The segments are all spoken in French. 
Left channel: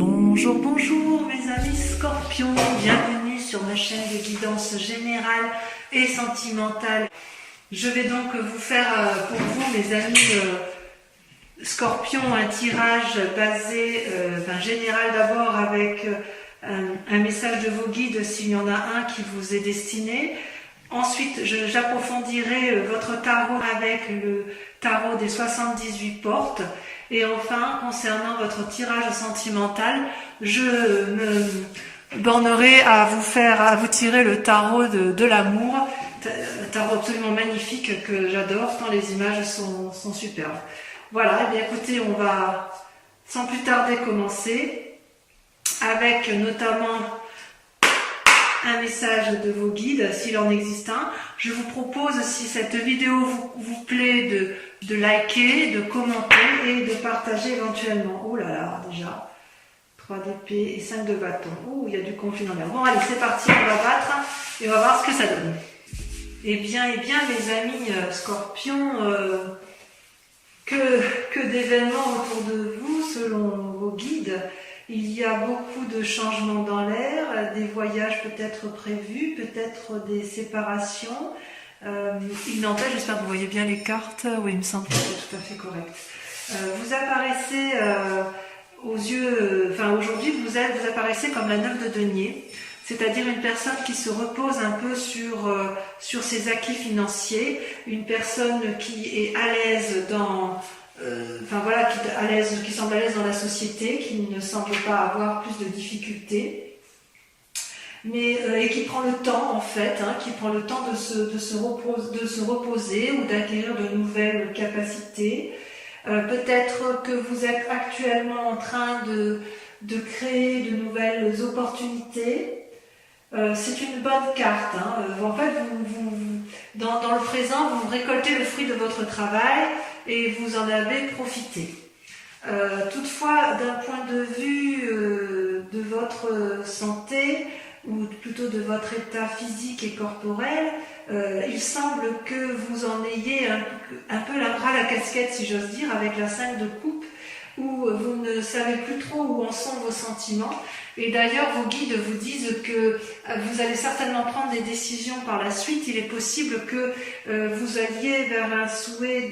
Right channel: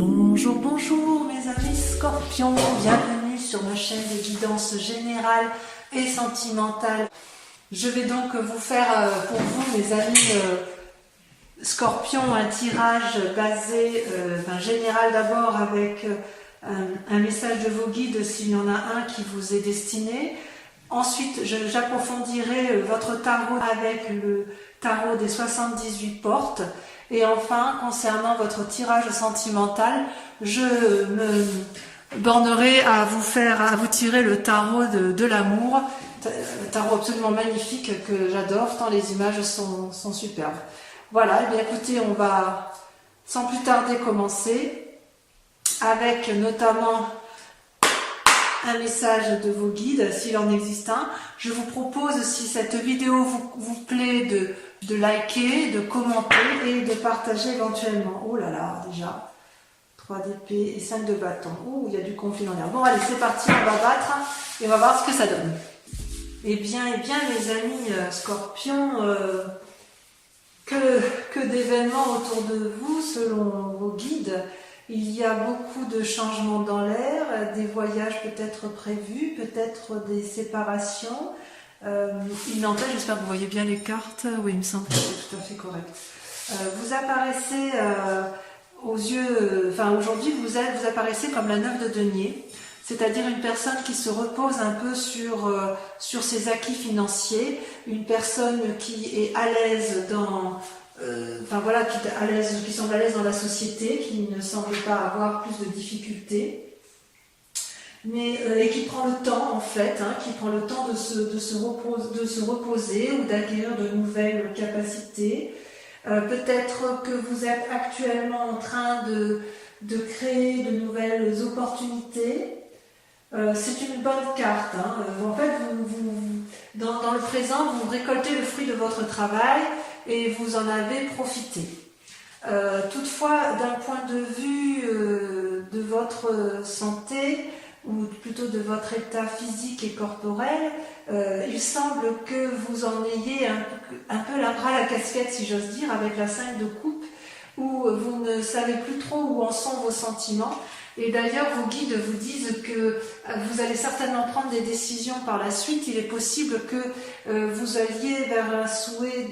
Bonjour, bonjour mes amis scorpions, bienvenue sur ma chaîne de guidance générale et sentimentale. Je vais donc vous faire pour vous mes amis scorpions un tirage basé, général d'abord avec un message de vos guides s'il y en a un qui vous est destiné. Ensuite j'approfondirai votre tarot avec le tarot des 78 portes. Et enfin, concernant votre tirage sentimental, je me bornerai à vous tirer le tarot de l'amour, un tarot absolument magnifique que j'adore, tant les images sont superbes. Voilà, et bien écoutez, on va sans plus tarder commencer avec notamment un message de vos guides, s'il en existe un. Je vous propose, si cette vidéo vous plaît, de liker, de commenter et de partager éventuellement. Oh là là, déjà, 3 d'épée et 5 de bâton. Oh, il y a du conflit dans l'air. Bon, allez, c'est parti, on va battre et on va voir ce que ça donne. Eh bien, les amis scorpions, que d'événements autour de vous, selon vos guides. Il y a beaucoup de changements dans l'air, des voyages peut-être prévus, peut-être des séparations. Il n'empêche, j'espère que vous voyez bien les cartes. Oui, il me semble que c'est tout à fait correct. Vous apparaissez aux yeux, aujourd'hui vous apparaissez comme la 9 de denier, c'est-à-dire une personne qui se repose un peu sur ses acquis financiers, une personne qui est à l'aise dans qui semble à l'aise dans la société, qui ne semble pas avoir plus de difficultés, et qui prend le temps en fait, qui prend le temps de se reposer ou d'acquérir de nouvelles capacités. Peut-être que vous êtes actuellement en train de créer de nouvelles opportunités. C'est une bonne carte. En fait, dans le présent, vous récoltez le fruit de votre travail et vous en avez profité. Toutefois, d'un point de vue de votre santé, ou plutôt de votre état physique et corporel, il semble que vous en ayez un peu ras la casquette, si j'ose dire, avec la 5 de coupe, où vous ne savez plus trop où en sont vos sentiments. Et d'ailleurs, vos guides vous disent que vous allez certainement prendre des décisions par la suite. Il est possible que vous alliez vers un souhait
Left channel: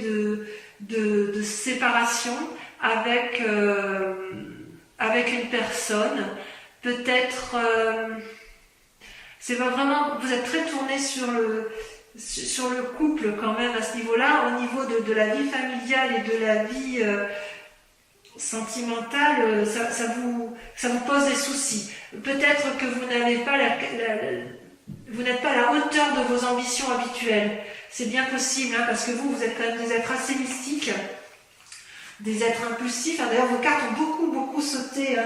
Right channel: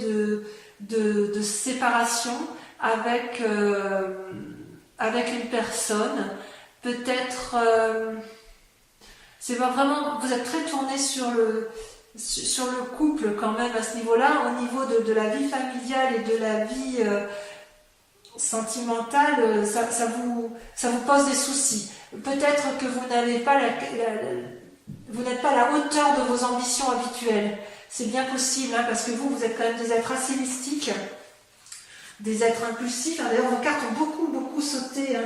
de séparation avec une personne. Peut-être, c'est pas vraiment, vous êtes très tourné sur le couple quand même à ce niveau-là, au niveau de la vie familiale et de la vie sentimentale, ça vous pose des soucis. Peut-être que vous n'avez pas vous n'êtes pas à la hauteur de vos ambitions habituelles. C'est bien possible, parce que vous êtes quand même des êtres assez mystiques, des êtres impulsifs. D'ailleurs, vos cartes ont beaucoup sauté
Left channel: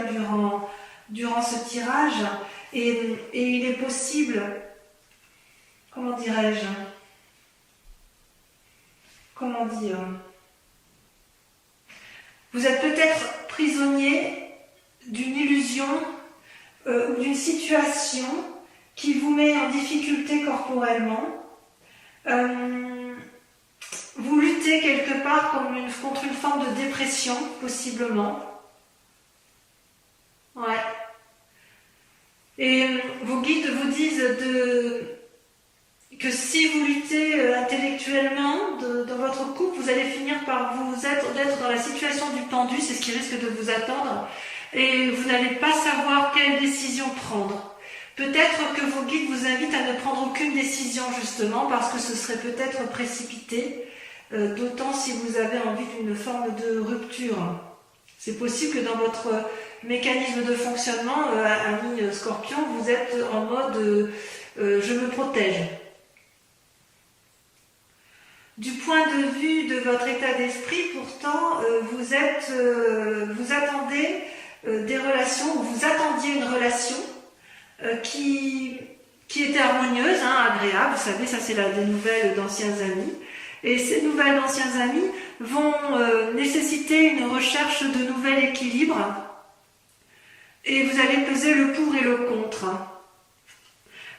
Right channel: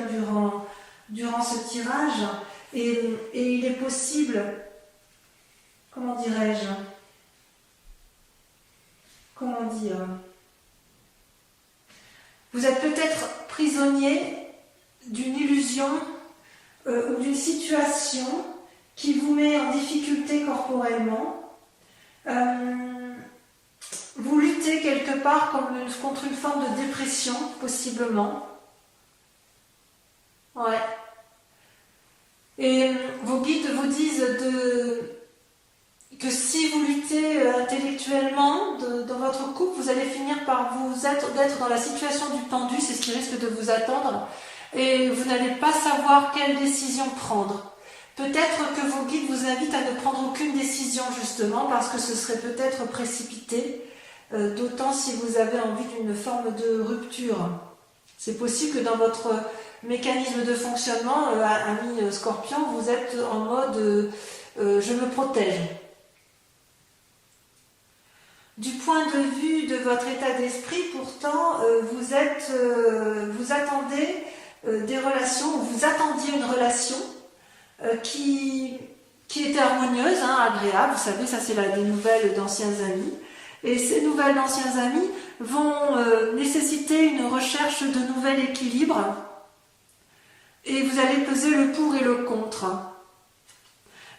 durant ce tirage. Et il est possible, comment dirais-je, comment dire, vous êtes peut-être prisonnier d'une illusion ou d'une situation qui vous met en difficulté corporellement. Vous luttez quelque part contre une forme de dépression, possiblement. Ouais. Et vos guides vous disent que si vous luttez intellectuellement dans votre couple, vous allez finir par d'être dans la situation du pendu, c'est ce qui risque de vous attendre, et vous n'allez pas savoir quelle décision prendre. Peut-être que vos guides vous invitent à ne prendre aucune décision, justement, parce que ce serait peut-être précipité, d'autant si vous avez envie d'une forme de rupture. C'est possible que dans votre mécanisme de fonctionnement, ami scorpion, vous êtes en mode je me protège. Du point de vue de votre état d'esprit, pourtant, vous attendez des relations, ou vous attendiez une relation qui était harmonieuse, agréable. Vous savez, ça c'est des nouvelles d'anciens amis. Et ces nouvelles d'anciens amis vont nécessiter une recherche de nouvel équilibre. Et vous allez peser le pour et le contre.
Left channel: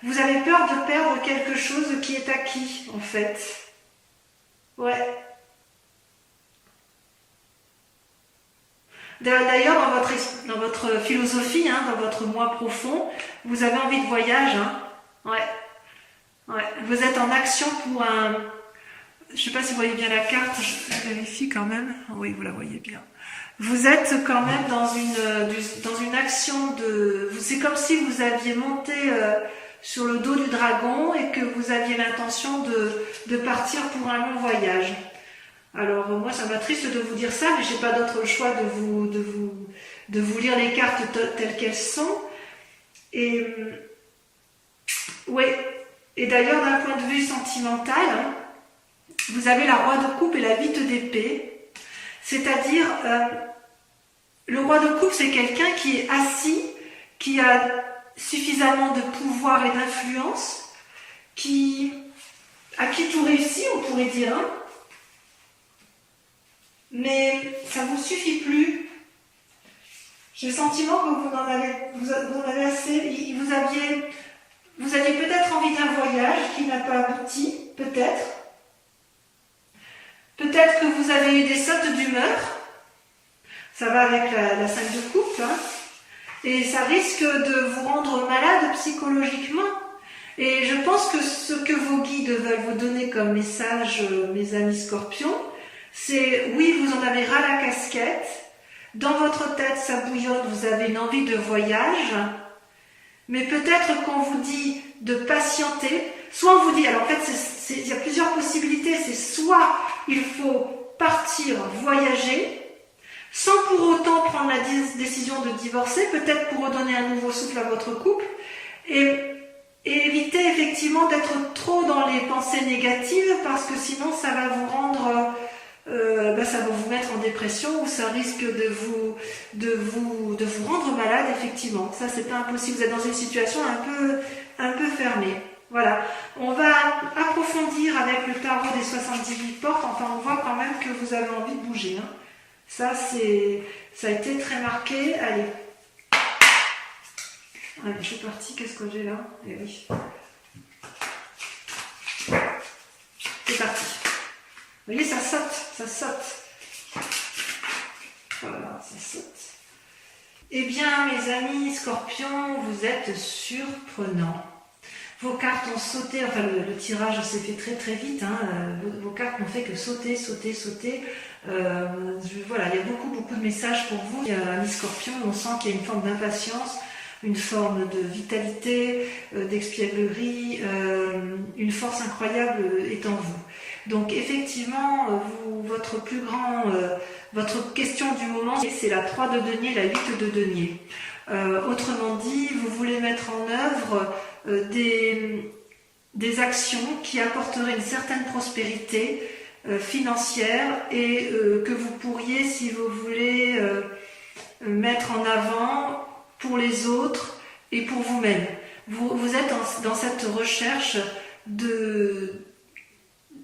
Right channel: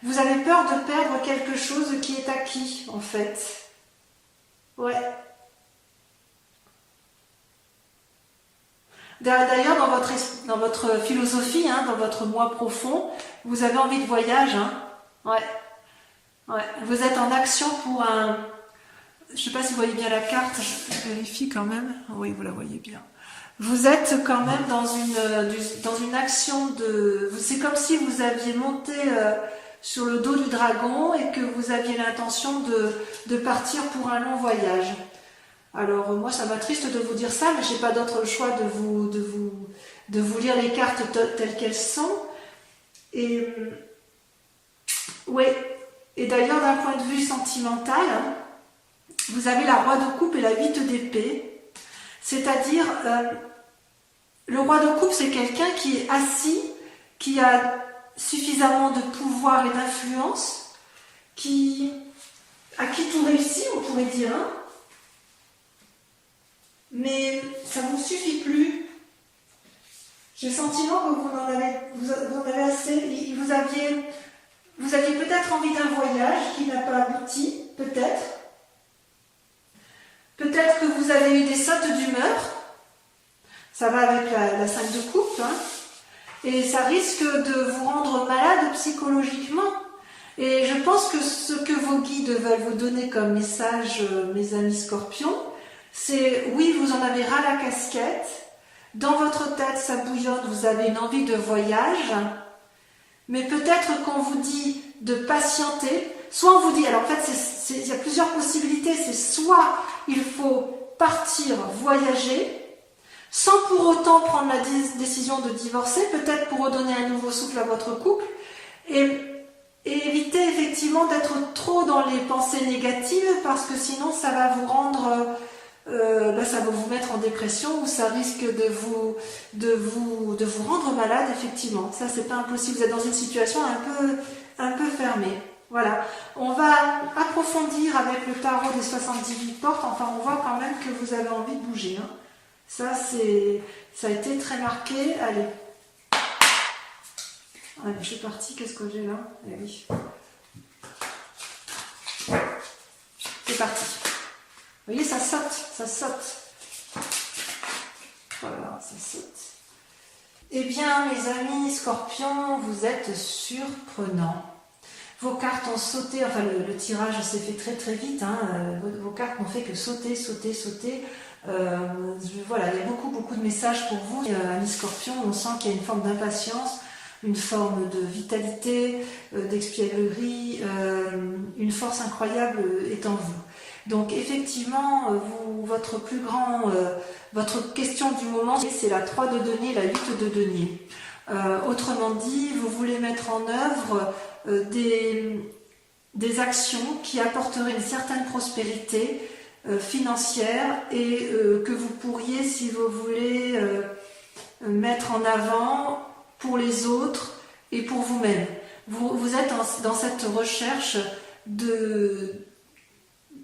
Vous avez peur de perdre quelque chose qui est acquis, en fait. Ouais. D'ailleurs, dans votre philosophie, hein, dans votre moi profond, vous avez envie de voyage. Hein. Ouais. Ouais. Vous êtes en action pour un... Je ne sais pas si vous voyez bien la carte, je vérifie quand même. Oui, vous la voyez bien. Vous êtes quand même dans une action de... C'est comme si vous aviez monté sur le dos du dragon et que vous aviez l'intention de partir pour un long voyage. Alors moi, ça m'attriste de vous dire ça, mais j'ai pas d'autre choix de vous lire les cartes telles qu'elles sont. Et oui. Et d'ailleurs, d'un point de vue sentimental, hein, vous avez la roi de coupe et la 8 d'épée. C'est-à-dire, le roi de coupe, c'est quelqu'un qui est assis, qui a suffisamment de pouvoir et d'influence, à qui tout réussit, on pourrait dire, hein. Mais ça ne vous suffit plus. J'ai le sentiment que vous en avez assez. Vous aviez peut-être envie d'un voyage qui n'a pas abouti, peut-être. Peut-être que vous avez eu des sautes d'humeur. Ça va avec la 5 de coupe. Hein. Et ça risque de vous rendre malade psychologiquement. Et je pense que ce que vos guides veulent vous donner comme message, mes amis scorpions, c'est oui, vous en avez ras la casquette. Dans votre tête, ça bouillonne, vous avez une envie de voyage. Mais peut-être qu'on vous dit de patienter. Soit on vous dit, alors en fait, il y a plusieurs possibilités. C'est soit il faut partir, voyager, sans pour autant prendre la décision de divorcer, peut-être pour redonner un nouveau souffle à votre couple, et éviter effectivement d'être trop dans les pensées négatives, parce que sinon ça va vous rendre, ça va vous mettre en dépression, ou ça risque de vous rendre malade, effectivement. Ça, c'est pas impossible. Vous êtes dans une situation un peu fermée. Voilà. On va approfondir avec le tarot des 78 portes. Enfin, on voit quand même que vous avez envie de bouger. Hein. Ça a été très marqué. Allez. Allez, je suis partie. Qu'est-ce que j'ai là? Eh oui. C'est parti. Vous voyez, ça saute. Voilà, ça saute. Eh bien, mes amis scorpions, vous êtes surprenants. Vos cartes ont sauté, enfin le tirage s'est fait très très vite, hein. Vos cartes n'ont fait que sauter. Voilà, il y a beaucoup de messages pour vous, amis scorpions. On sent qu'il y a une forme d'impatience, une forme de vitalité, d'espièglerie, une force incroyable est en vous. Donc effectivement, votre question du moment, c'est la 3 de denier, la 8 de denier. Autrement dit, vous voulez mettre en œuvre des actions qui apporteraient une certaine prospérité financière et que vous pourriez, si vous voulez, mettre en avant pour les autres et pour vous-même. Vous êtes dans cette recherche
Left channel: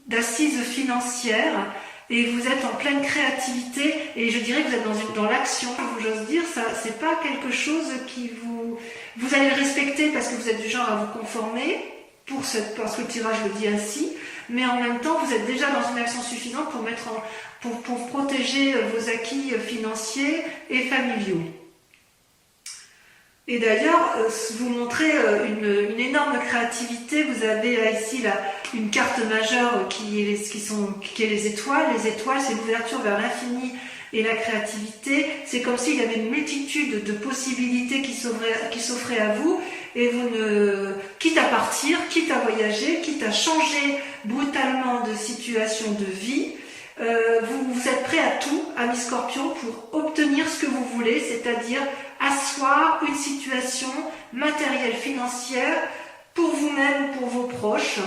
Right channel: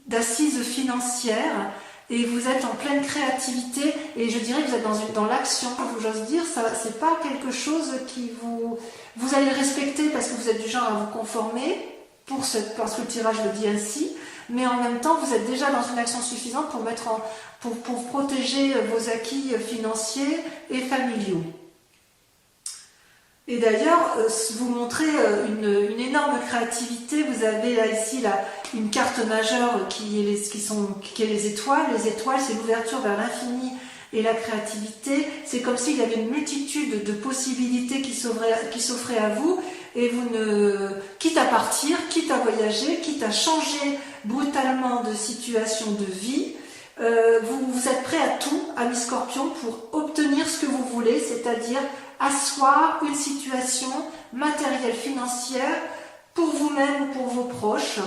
d'assises financières et vous êtes en pleine créativité et je dirais que vous êtes dans l'action, j'ose dire, ça c'est pas quelque chose qui vous allez le respecter parce que vous êtes du genre à vous conformer parce que le tirage le dit ainsi, mais en même temps vous êtes déjà dans une action suffisante pour protéger vos acquis financiers et familiaux. Et d'ailleurs, vous montrez une énorme créativité. Vous avez là, ici une carte majeure qui est les étoiles. Les étoiles, c'est l'ouverture vers l'infini et la créativité. C'est comme s'il y avait une multitude de possibilités qui s'offraient à vous. Et quitte à partir, quitte à voyager, quitte à changer brutalement de situation de vie, vous êtes prêt à tout, amis scorpions, pour obtenir ce que vous voulez, c'est-à-dire asseoir une situation matérielle, financière pour vous-même ou pour vos proches.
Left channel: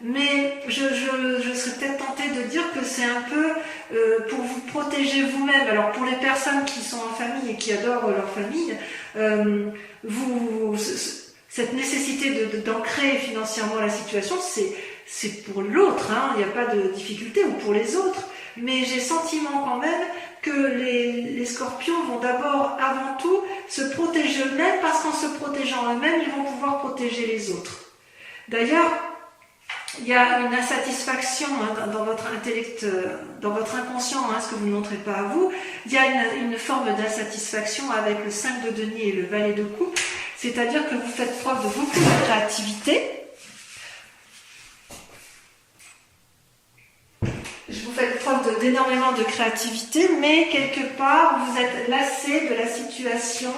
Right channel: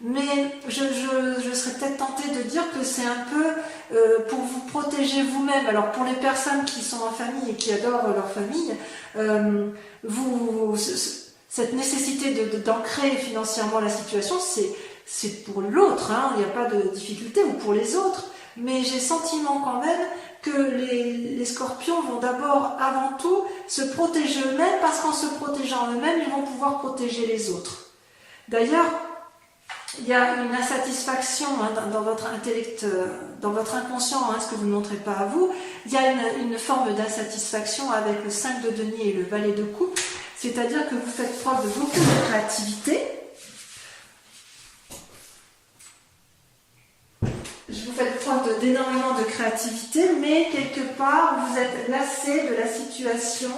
Mais je serais peut-être tentée de dire que c'est un peu pour vous protéger vous-même. Alors pour les personnes qui sont en famille et qui adorent leur famille, cette nécessité d'ancrer financièrement la situation, c'est pour l'autre, hein, il n'y a pas de difficulté, ou pour les autres. Mais j'ai le sentiment quand même que les scorpions vont d'abord, avant tout, se protéger eux-mêmes, parce qu'en se protégeant eux-mêmes, ils vont pouvoir protéger les autres. D'ailleurs, il y a une insatisfaction hein, dans votre intellect, dans votre inconscient, hein, ce que vous ne montrez pas à vous. Il y a une forme d'insatisfaction avec le 5 de denier et le valet de coupe, c'est-à-dire que vous faites preuve de beaucoup de créativité. Vous faites preuve d'énormément de créativité, mais quelque part, vous êtes lassé de la situation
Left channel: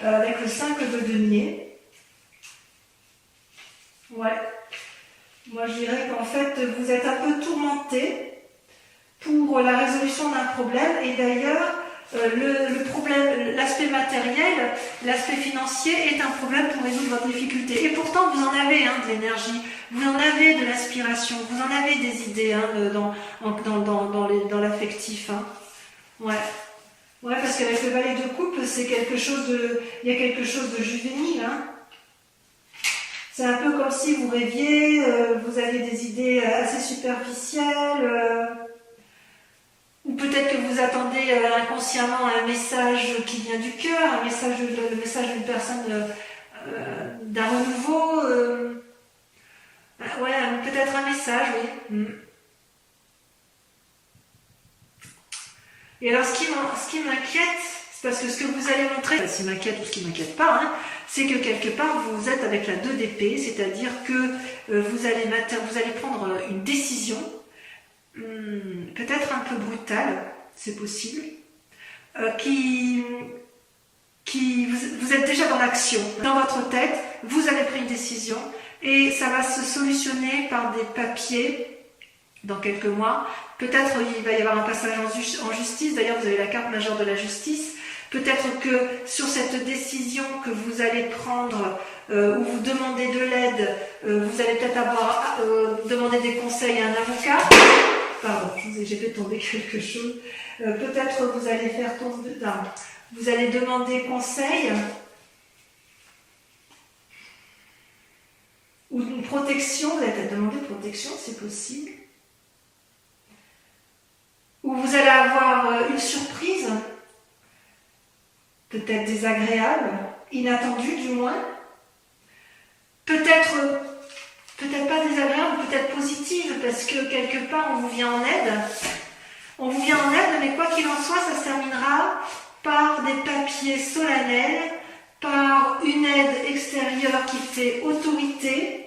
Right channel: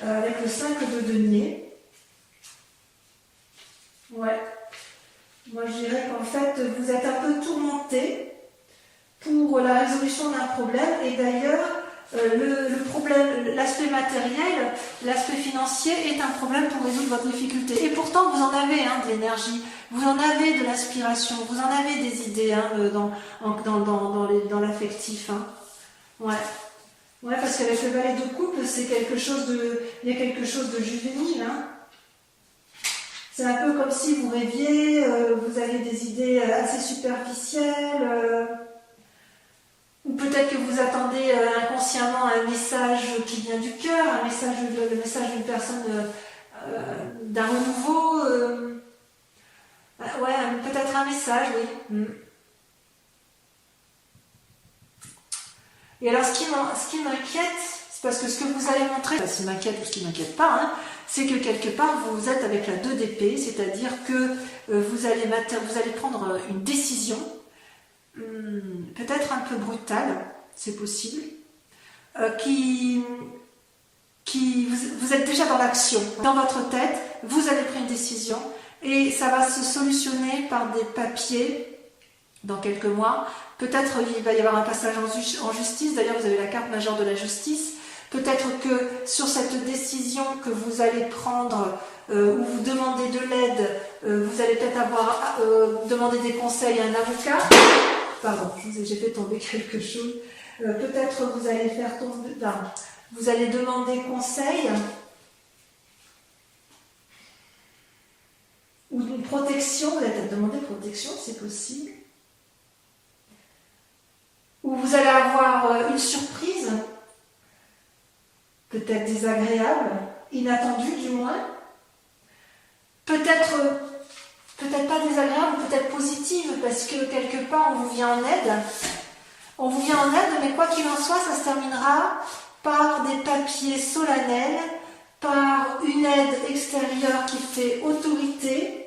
avec le 5 de denier. Ouais. Moi, je dirais qu'en fait, vous êtes un peu tourmenté pour la résolution d'un problème. Et d'ailleurs, le problème, l'aspect matériel, l'aspect financier est un problème pour résoudre votre difficulté. Et pourtant, vous en avez hein, de l'énergie, vous en avez de l'inspiration, vous en avez des idées hein, dans l'affectif. Hein. Ouais. Ouais, parce qu'avec le valet de coupe, c'est quelque chose de, il y a quelque chose de juvénile. Hein. C'est un peu comme si vous rêviez, vous aviez des idées assez superficielles, ou peut-être que vous attendez inconsciemment un message qui vient du cœur, le message d'une personne, d'un renouveau, ouais, peut-être un message, oui. Et alors, ce qui m'inquiète, c'est parce que ce que vous allez montrer, ce qui m'inquiète ou ce qui m'inquiète pas, hein, c'est que quelque part, vous êtes avec la 2 d'épée, c'est-à-dire que vous allez prendre une décision, peut-être un peu brutale, c'est possible, vous êtes déjà dans l'action. Dans votre tête, vous avez pris une décision et ça va se solutionner par des papiers dans quelques mois. Peut-être il va y avoir un passage en justice, d'ailleurs vous avez la carte majeure de la justice. Peut-être que sur cette décision que vous allez prendre, où vous demandez de l'aide, vous allez peut-être avoir demandé des conseils à un avocat. Pardon, j'ai fait tomber quelque chose. Peut-être vous allez faire tomber... Non, vous allez demander conseil ou une protection. Vous allez peut-être demander protection, c'est possible. Ou vous allez avoir une surprise, peut-être désagréable, inattendue du moins. Peut-être pas désagréable, peut-être positive, parce que quelque part on vous vient en aide. On vous vient en aide, mais quoi qu'il en soit, ça se terminera par des papiers solennels, par une aide extérieure qui fait autorité.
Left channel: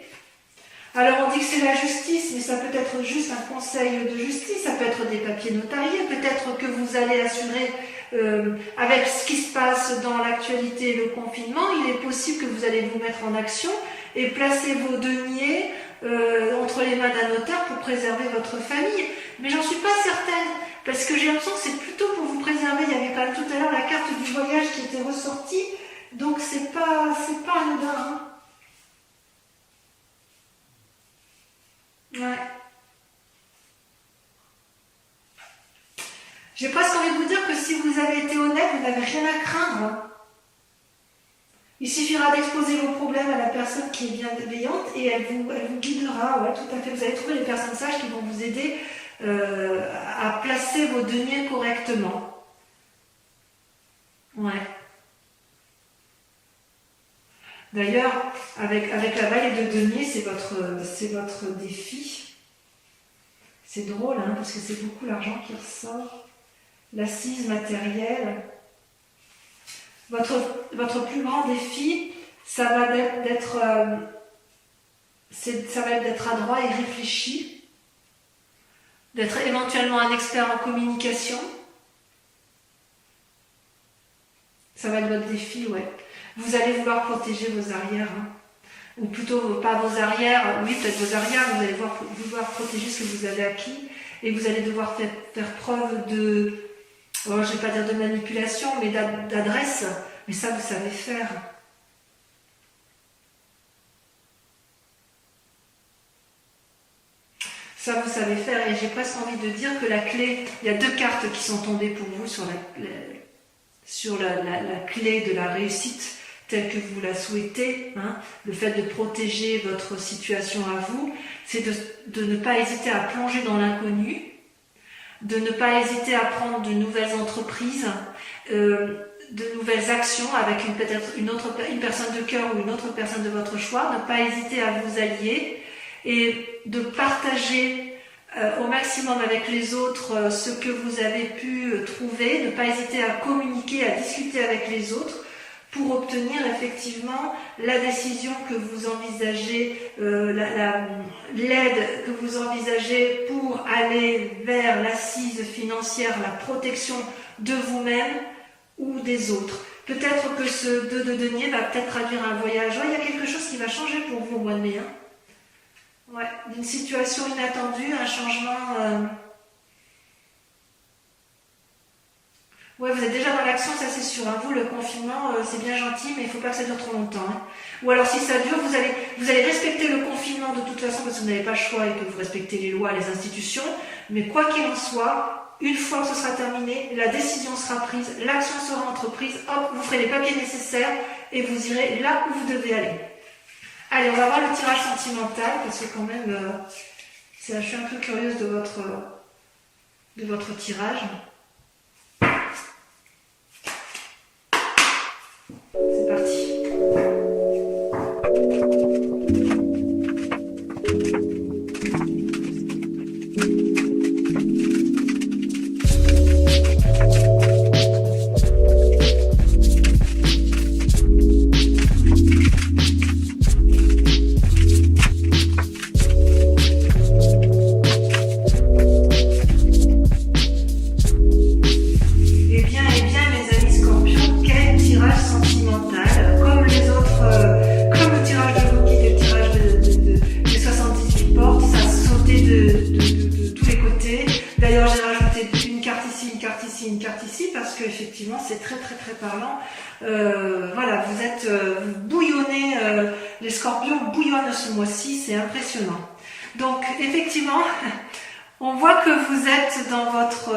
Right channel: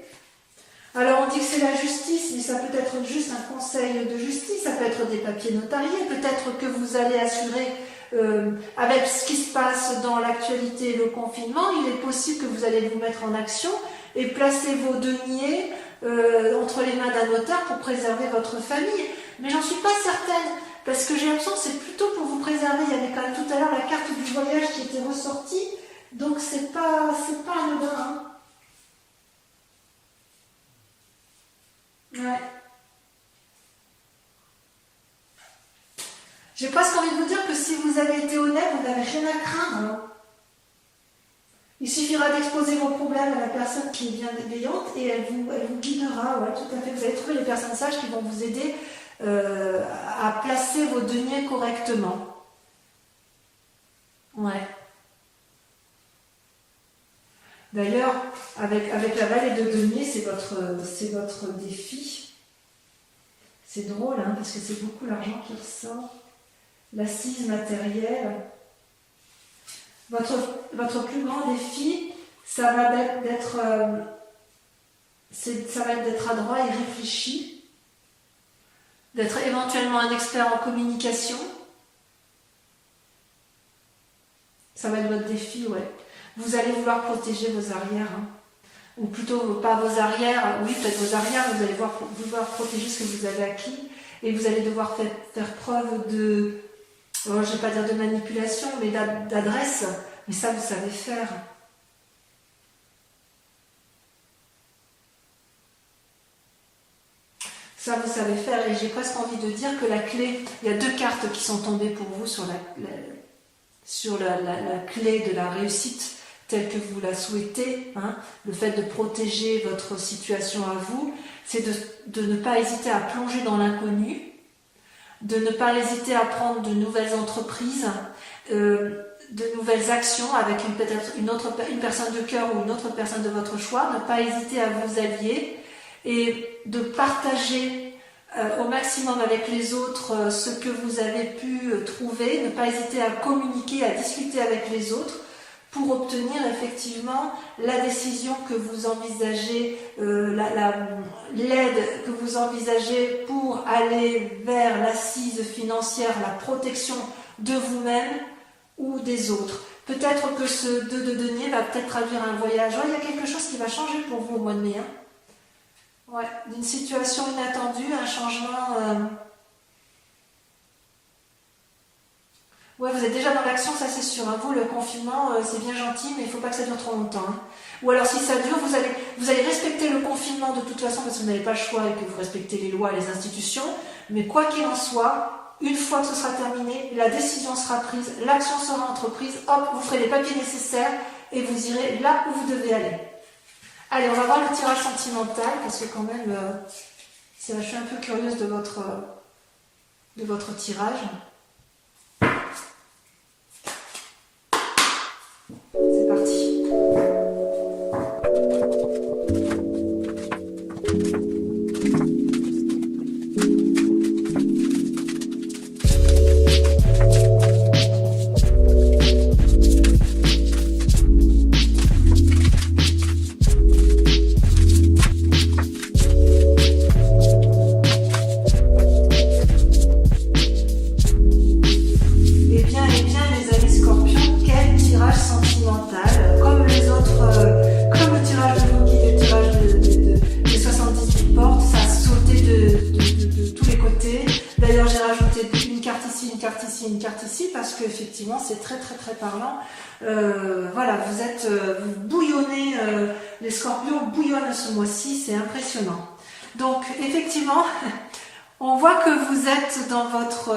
Alors on dit que c'est la justice, mais ça peut être juste un conseil de justice, ça peut être des papiers notariés, peut-être que vous allez assurer, avec ce qui se passe dans l'actualité et le confinement, il est possible que vous allez vous mettre en action et placer vos deniers entre les mains d'un notaire pour préserver votre famille. Mais j'en suis pas certaine, parce que j'ai l'impression que c'est plutôt pour vous préserver. Il y avait quand même tout à l'heure la carte du voyage qui était ressortie, donc c'est pas anodin. Hein. Ouais. J'ai presque envie de vous dire que si vous avez été honnête, vous n'avez rien à craindre. Hein. Il suffira d'exposer vos problèmes à la personne qui est bienveillante et elle vous guidera. Ouais, tout à fait. Vous allez trouver les personnes sages qui vont vous aider à placer vos deniers correctement. Ouais. D'ailleurs, avec la vallée de denier, c'est votre défi. C'est drôle, hein, parce que c'est beaucoup l'argent qui ressort. L'assise matérielle. Votre plus grand défi, ça va être d'être adroit et réfléchi, d'être éventuellement un expert en communication. Ça va être votre défi, ouais. Vous allez vouloir protéger vos arrières, hein. Ou plutôt pas vos arrières, oui peut-être vos arrières, vous allez vouloir protéger ce que vous avez acquis et vous allez devoir faire preuve de, je ne vais pas dire de manipulation, mais d'adresse, mais ça vous savez faire. Ça vous savez faire, et j'ai presque envie de dire que la clé, il y a 2 cartes qui sont tombées pour vous sur la clé de la réussite telle que vous la souhaitez, hein, le fait de protéger votre situation à vous, c'est de ne pas hésiter à plonger dans l'inconnu, de ne pas hésiter à prendre de nouvelles entreprises, de nouvelles actions avec peut-être une personne de cœur ou une autre personne de votre choix, ne pas hésiter à vous allier et de partager au maximum avec les autres ce que vous avez pu trouver, ne pas hésiter à communiquer, à discuter avec les autres pour obtenir effectivement la décision que vous envisagez, l'aide que vous envisagez pour aller vers l'assise financière, la protection de vous-même ou des autres. Peut-être que ce 2 de denier va peut-être traduire un voyage. Ouais, il y a quelque chose qui va changer pour vous au mois de mai. Hein. Ouais, d'une situation inattendue, un changement. Ouais, vous êtes déjà dans l'action, ça c'est sûr. Hein. Vous, le confinement, c'est bien gentil, mais il ne faut pas que ça dure trop longtemps. Hein. Ou alors, si ça dure, vous allez respecter le confinement de toute façon parce que vous n'avez pas le choix et que vous respectez les lois, les institutions. Mais quoi qu'il en soit, une fois que ce sera terminé, la décision sera prise, l'action sera entreprise. Hop, vous ferez les papiers nécessaires et vous irez là où vous devez aller. Allez, on va voir le tirage sentimental, parce que quand même, je suis un peu curieuse de votre tirage. C'est parti. Effectivement, c'est très parlant. Voilà, vous bouillonnez, les scorpions bouillonnent ce mois-ci, c'est impressionnant. Donc, effectivement, on voit que vous êtes dans votre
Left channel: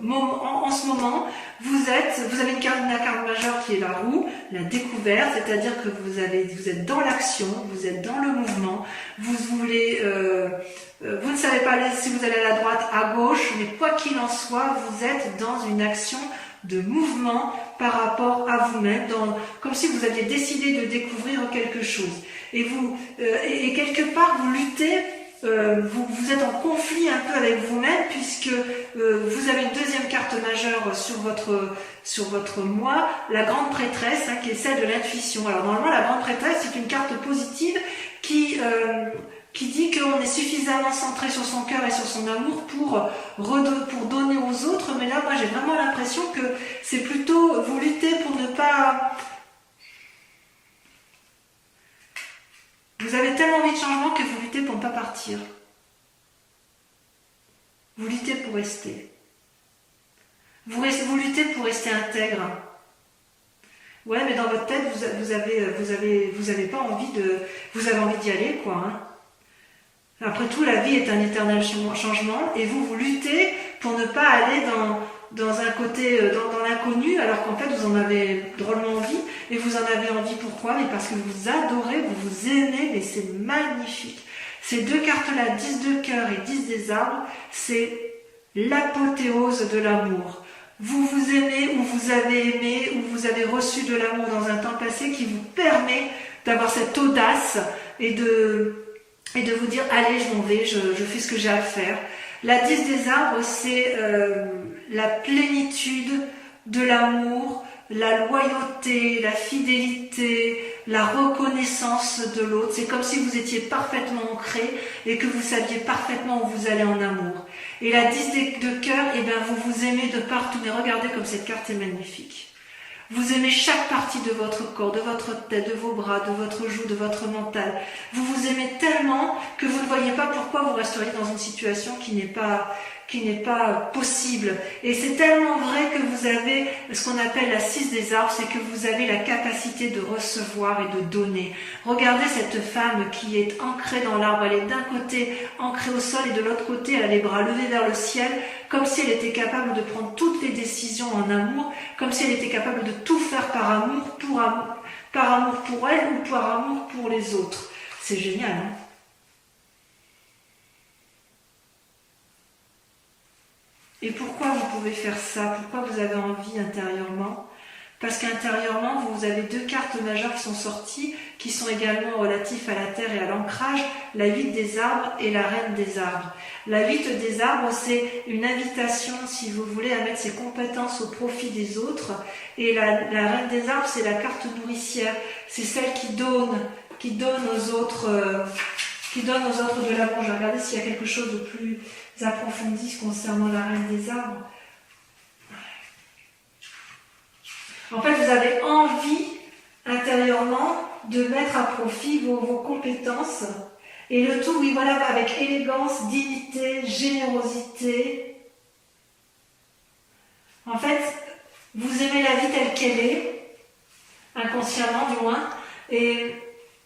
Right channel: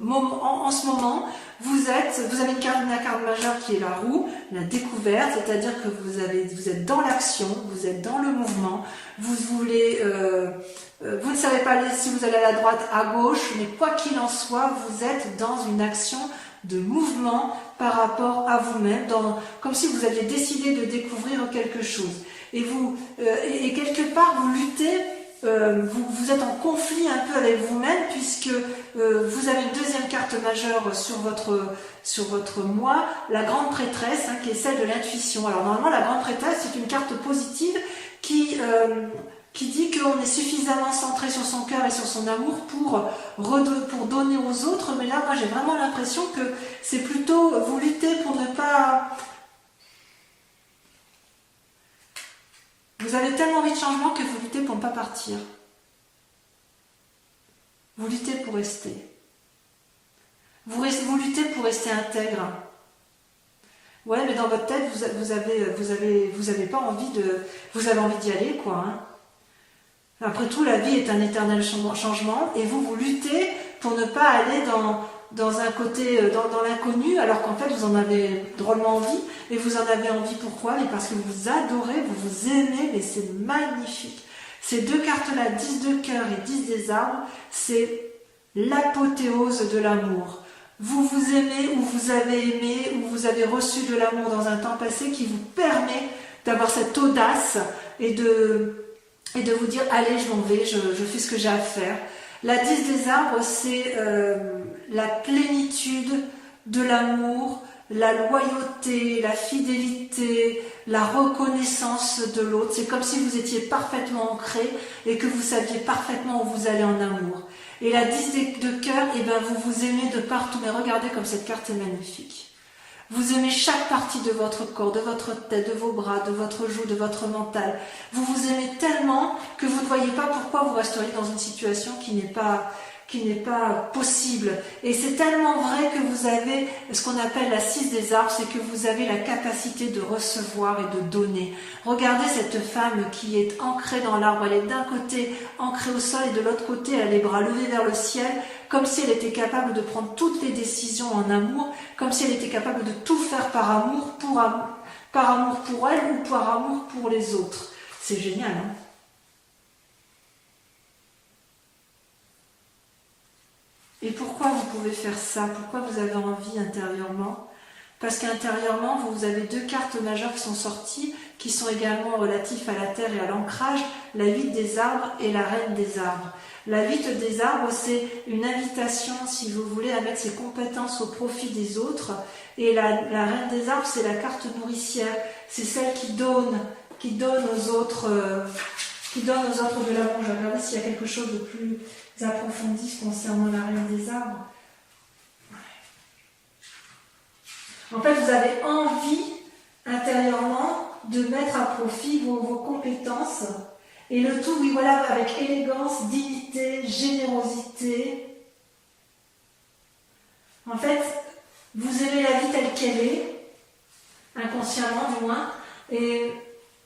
moment, en ce moment, vous avez la carte majeure qui est la roue, la découverte, c'est-à-dire que vous êtes dans l'action, vous êtes dans le mouvement, vous ne savez pas si vous allez à la droite, à gauche, mais quoi qu'il en soit, vous êtes dans une action de mouvement par rapport à vous-même, comme si vous aviez décidé de découvrir quelque chose. Et et quelque part, vous luttez, vous êtes en conflit un peu avec vous-même, puisque vous avez une deuxième carte majeure sur votre moi, la grande prêtresse, hein, qui est celle de l'intuition. Alors normalement, la grande prêtresse, c'est une carte positive qui dit qu'on est suffisamment centré sur son cœur et sur son amour pour donner aux autres, mais là, moi, j'ai vraiment l'impression que c'est plutôt, vous luttez pour ne pas... Vous avez tellement envie de changement que vous luttez pour ne pas partir. Vous luttez pour rester. Vous luttez pour rester intègre. Ouais, mais dans votre tête, vous avez pas envie vous avez envie d'y aller, quoi, hein. Après tout, la vie est un éternel changement et vous luttez pour ne pas aller dans un côté, dans l'inconnu, alors qu'en fait vous en avez drôlement envie. Et vous en avez envie pourquoi? Mais parce que vous adorez, vous aimez, mais c'est magnifique. Ces deux cartes-là, 10 de cœur et 10 des arbres, c'est l'apothéose de l'amour. Vous vous aimez ou vous avez aimé ou vous avez reçu de l'amour dans un temps passé qui vous permet d'avoir cette audace et de vous dire, allez, je m'en vais, je fais ce que j'ai à faire. La 10 des arbres, c'est la plénitude de l'amour, la loyauté, la fidélité, la reconnaissance de l'autre. C'est comme si vous étiez parfaitement ancré et que vous saviez parfaitement où vous allez en amour. Et la 10 de cœur, eh ben, vous aimez de partout. Mais regardez comme cette carte est magnifique. Vous aimez chaque partie de votre corps, de votre tête, de vos bras, de votre joue, de votre mental. Vous vous aimez tellement que vous ne voyez pas pourquoi vous resteriez dans une situation qui n'est pas possible. Et c'est tellement vrai que vous avez ce qu'on appelle la 6 des arbres, c'est que vous avez la capacité de recevoir et de donner. Regardez cette femme qui est ancrée dans l'arbre. Elle est d'un côté ancrée au sol et de l'autre côté elle a les bras levés vers le ciel, comme si elle était capable de prendre toutes les décisions en amour, comme si elle était capable de tout faire par amour pour elle ou par amour pour les autres. C'est génial, hein? Et pourquoi vous pouvez faire ça? Pourquoi vous avez envie intérieurement? parce qu'intérieurement, vous avez 2 cartes majeures qui sont sorties, qui sont également relatifs à la terre et à l'ancrage, la 8 des arbres et la reine des arbres. La 8 des arbres, c'est une invitation, si vous voulez, à mettre ses compétences au profit des autres. Et la reine des arbres, c'est la carte nourricière. C'est celle qui donne aux autres, de l'amour. Je vais regarder s'il y a quelque chose de plus approfondi concernant la reine des arbres. En fait, vous avez envie intérieurement de mettre à profit vos compétences. Et le tout, oui, voilà, avec élégance, dignité, générosité. En fait, vous aimez la vie telle qu'elle est, inconsciemment du moins, et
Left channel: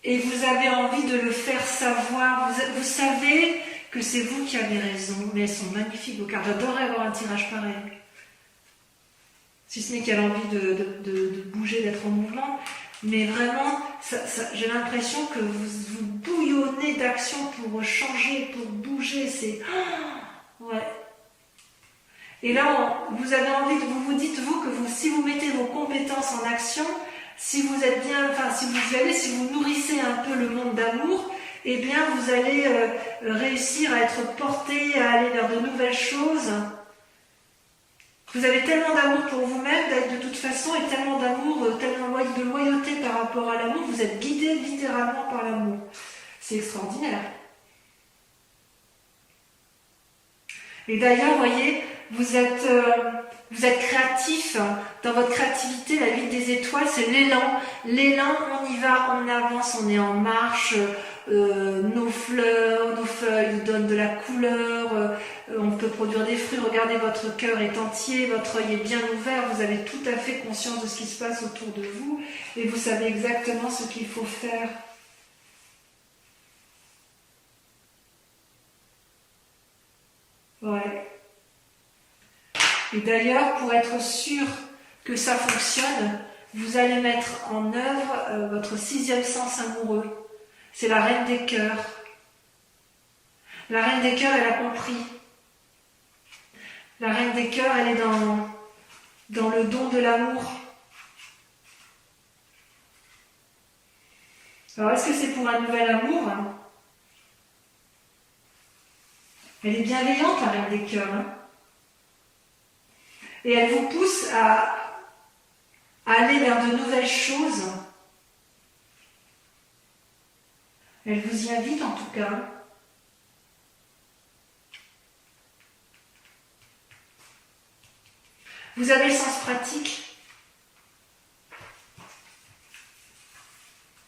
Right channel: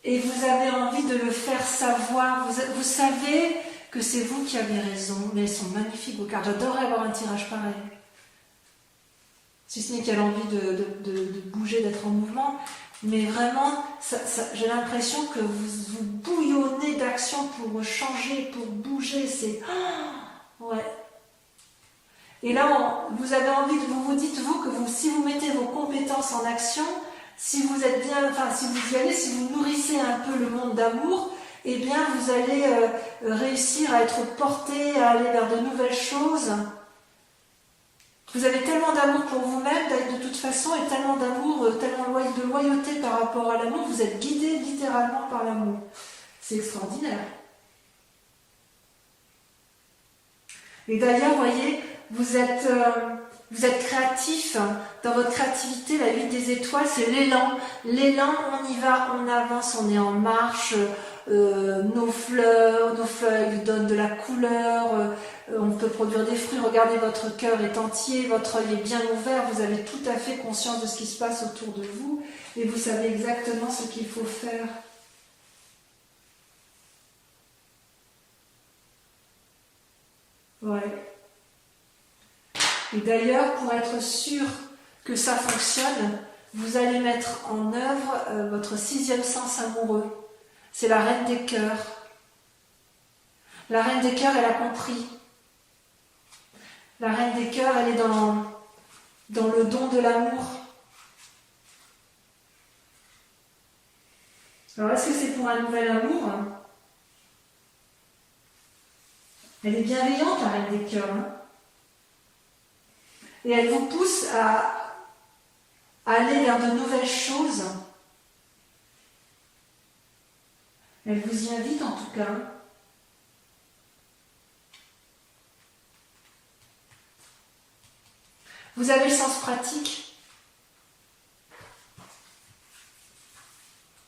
vous avez envie de le faire savoir. Vous savez que c'est vous qui avez raison, mais elles sont magnifiques vos cartes. J'adorerais avoir un tirage pareil. Si ce n'est qu'elle a envie de bouger, d'être en mouvement. Mais vraiment, j'ai l'impression que vous bouillonnez d'action pour changer, pour bouger. C'est... ouais. Et là, vous avez envie, vous dites, vous, que si vous mettez vos compétences en action, si vous êtes bien, enfin, si vous nourrissez un peu le monde d'amour, eh bien, vous allez réussir à être porté, à aller vers de nouvelles choses. Vous avez tellement d'amour pour vous-même, de toute façon, et tellement d'amour, tellement de loyauté par rapport à l'amour, vous êtes guidé littéralement par l'amour. C'est extraordinaire. Et d'ailleurs, vous voyez, vous êtes créatif. Dans votre créativité, la 8 des étoiles, c'est l'élan. L'élan, on y va, on avance, on est en marche. Nos fleurs, nos feuilles nous donnent de la couleur, on peut produire des fruits. Regardez, votre cœur est entier, votre œil est bien ouvert, vous avez tout à fait conscience de ce qui se passe autour de vous et vous savez exactement ce qu'il faut faire. Ouais. Et d'ailleurs, pour être sûr que ça fonctionne, vous allez mettre en œuvre votre 6e sens amoureux. C'est la reine des cœurs. La reine des cœurs, elle a compris. La reine des cœurs, elle est dans le don de l'amour. Alors, est-ce que c'est pour un nouvel amour? Elle est bienveillante, la reine des cœurs. Et elle vous pousse à aller vers de nouvelles choses. Elle vous y invite en tout cas. Vous avez le sens pratique.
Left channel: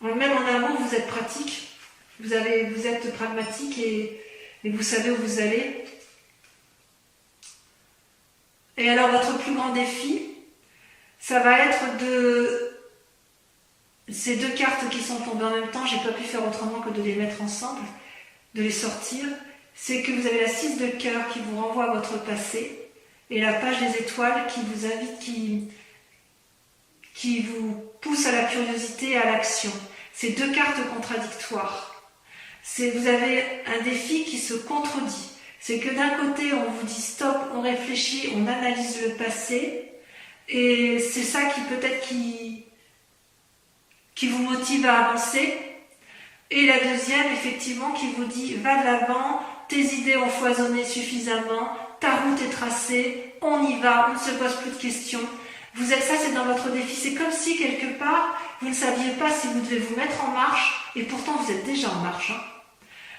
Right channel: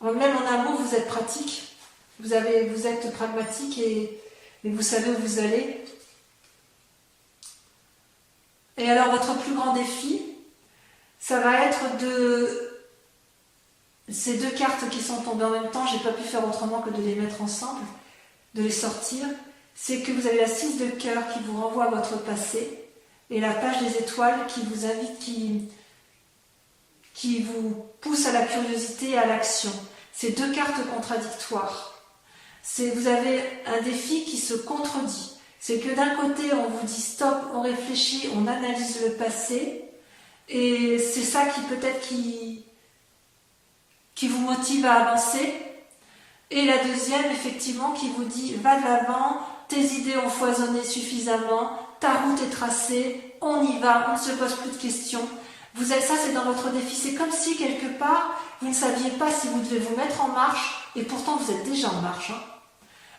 Même en amour, vous êtes pratique. Vous êtes pragmatique et vous savez où vous allez. Et alors, votre plus grand défi, ça va être ces 2 cartes qui sont tombées en même temps, j'ai pas pu faire autrement que de les mettre ensemble, de les sortir. C'est que vous avez la 6 de cœur qui vous renvoie à votre passé et la page des étoiles qui vous invite, qui vous pousse à la curiosité et à l'action. C'est 2 cartes contradictoires. Vous avez un défi qui se contredit. C'est que d'un côté, on vous dit stop, on réfléchit, on analyse le passé et c'est ça qui peut-être qui vous motive à avancer. Et la deuxième, effectivement, qui vous dit va de l'avant, tes idées ont foisonné suffisamment, ta route est tracée, on y va, on ne se pose plus de questions. Ça, c'est dans votre défi. C'est comme si, quelque part, vous ne saviez pas si vous devez vous mettre en marche, et pourtant vous êtes déjà en marche.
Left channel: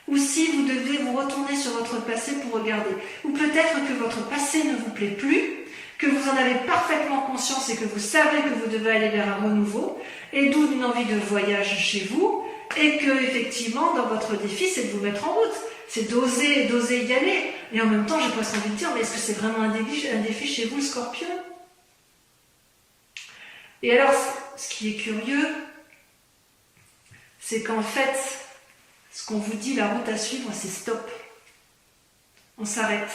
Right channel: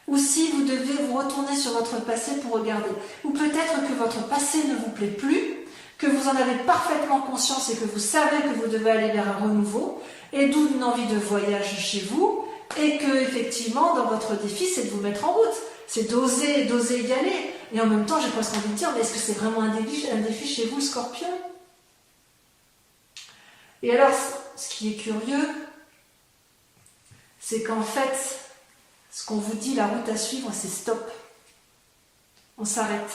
Ou si vous devez vous retourner sur votre passé pour regarder. Ou peut-être que votre passé ne vous plaît plus, que vous en avez parfaitement conscience et que vous savez que vous devez aller vers un renouveau, et d'où une envie de voyage chez vous, et que, effectivement, dans votre défi, c'est de vous mettre en route. C'est d'oser y aller. Et en même temps, j'ai presque envie de dire, mais est-ce que c'est vraiment un défi chez vous, le Scorpion? Et alors, ce qui est curieux, c'est qu'en fait, ce qu'on vous dit, la route à suivre, c'est stop. On s'arrête.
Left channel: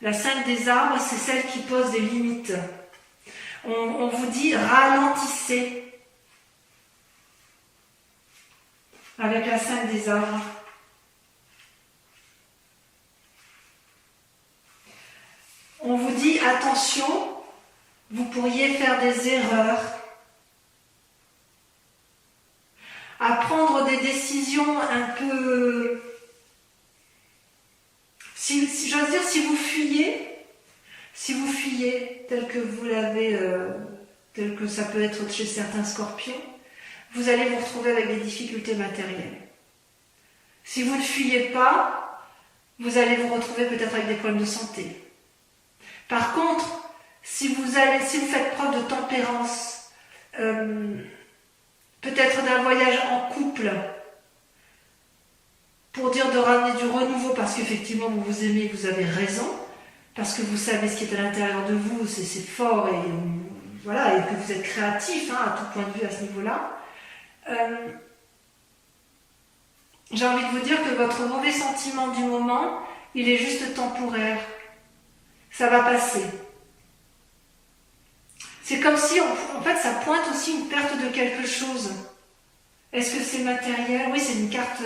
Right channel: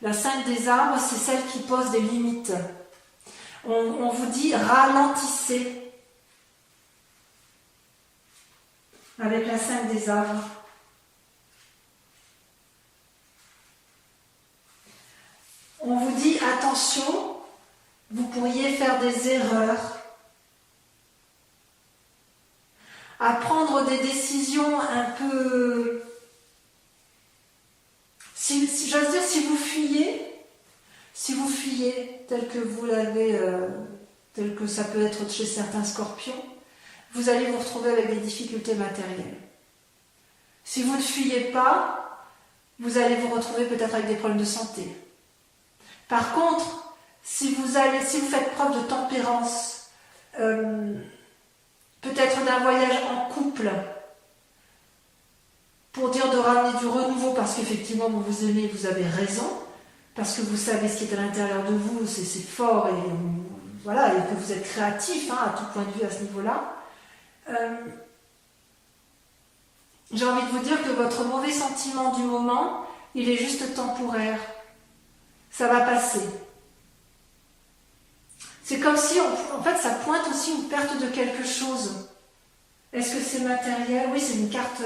La 5 des arbres, c'est celle qui pose des limites. On vous dit ralentissez. Avec la 5 des arbres. On vous dit attention, vous pourriez faire des erreurs, à prendre des décisions un peu, si j'ose dire, si vous fuyez tel que vous l'avez, tel que ça peut être chez certains scorpions, vous allez vous retrouver avec des difficultés matérielles. Si vous ne fuyez pas, vous allez vous retrouver peut-être avec des problèmes de santé. Par contre, si vous faites preuve de tempérance, peut-être d'un voyage en couple, pour dire de ramener du renouveau, parce qu'effectivement vous vous aimez, vous avez raison, parce que vous savez ce qui est à l'intérieur de vous, c'est fort, et voilà, et que vous êtes créatif à tout point de vue à ce niveau-là. J'ai envie de vous dire que votre mauvais sentiment du moment, il est juste temporaire. Ça va passer. C'est comme si, en fait, ça pointe aussi une perte de quelque chose. Est-ce que c'est matériel? Oui, c'est une carte,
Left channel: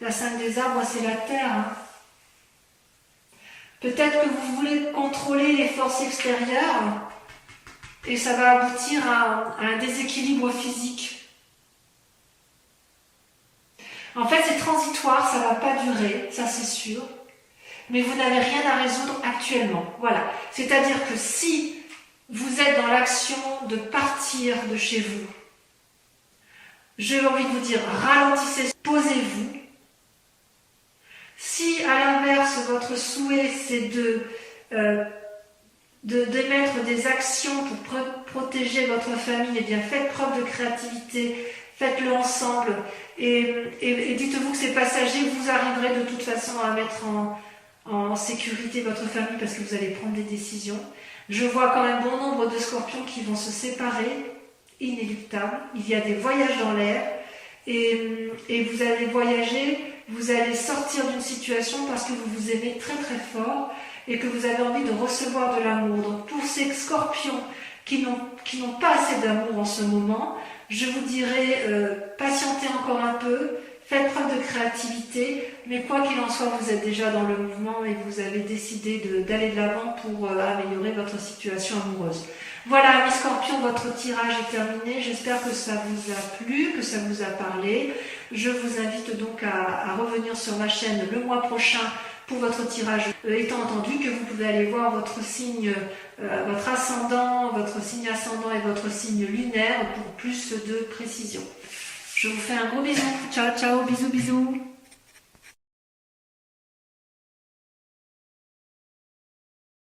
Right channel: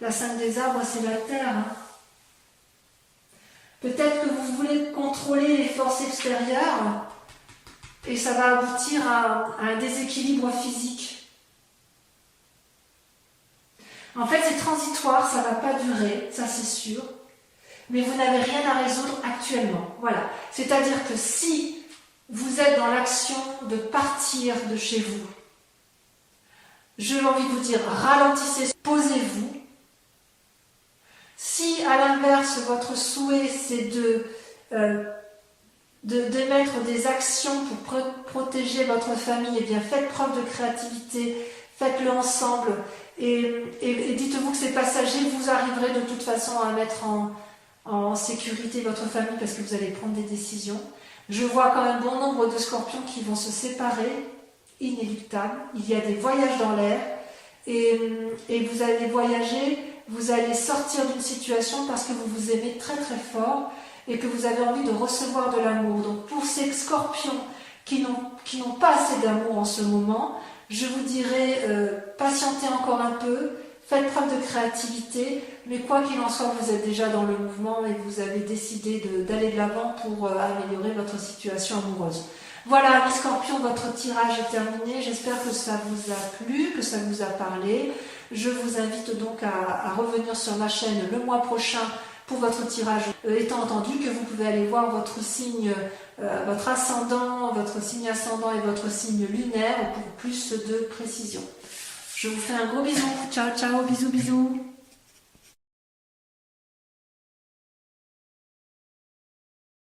la 5 des arbres, c'est la terre. Hein. Peut-être que vous voulez contrôler les forces extérieures et ça va aboutir à un déséquilibre physique. En fait, c'est transitoire, ça ne va pas durer, ça c'est sûr. Mais vous n'avez rien à résoudre actuellement. Voilà. C'est-à-dire que si vous êtes dans l'action de partir de chez vous, j'ai envie de vous dire, ralentissez, posez-vous. Si, à l'inverse, votre souhait, c'est d'émettre des actions pour protéger votre famille, eh bien, faites preuve de créativité, faites-le ensemble, et dites-vous que c'est passager, vous arriverez de toute façon à mettre en sécurité votre famille parce que vous allez prendre des décisions. Je vois quand même bon nombre de scorpions qui vont se séparer, inéluctable. Il y a des voyages dans l'air, et vous allez voyager, vous allez sortir d'une situation parce que vous vous aimez très très fort et que vous avez envie de recevoir de l'amour. Donc pour ces scorpions qui n'ont pas assez d'amour en ce moment, je vous dirais patientez encore un peu, faites preuve de créativité, mais quoi qu'il en soit, vous êtes déjà dans le mouvement et vous avez décidé d'aller de l'avant pour améliorer votre situation amoureuse. Voilà, mes scorpions, votre tirage est terminé. J'espère que ça vous a plu, que ça vous a parlé. Je vous invite donc à revenir sur ma chaîne le mois prochain pour votre tirage, étant entendu que vous pouvez aller voir votre signe, votre ascendant, votre signe ascendant et votre signe lunaire pour plus de précision. Je vous fais un gros bisou. Ciao, ciao, bisous, bisous.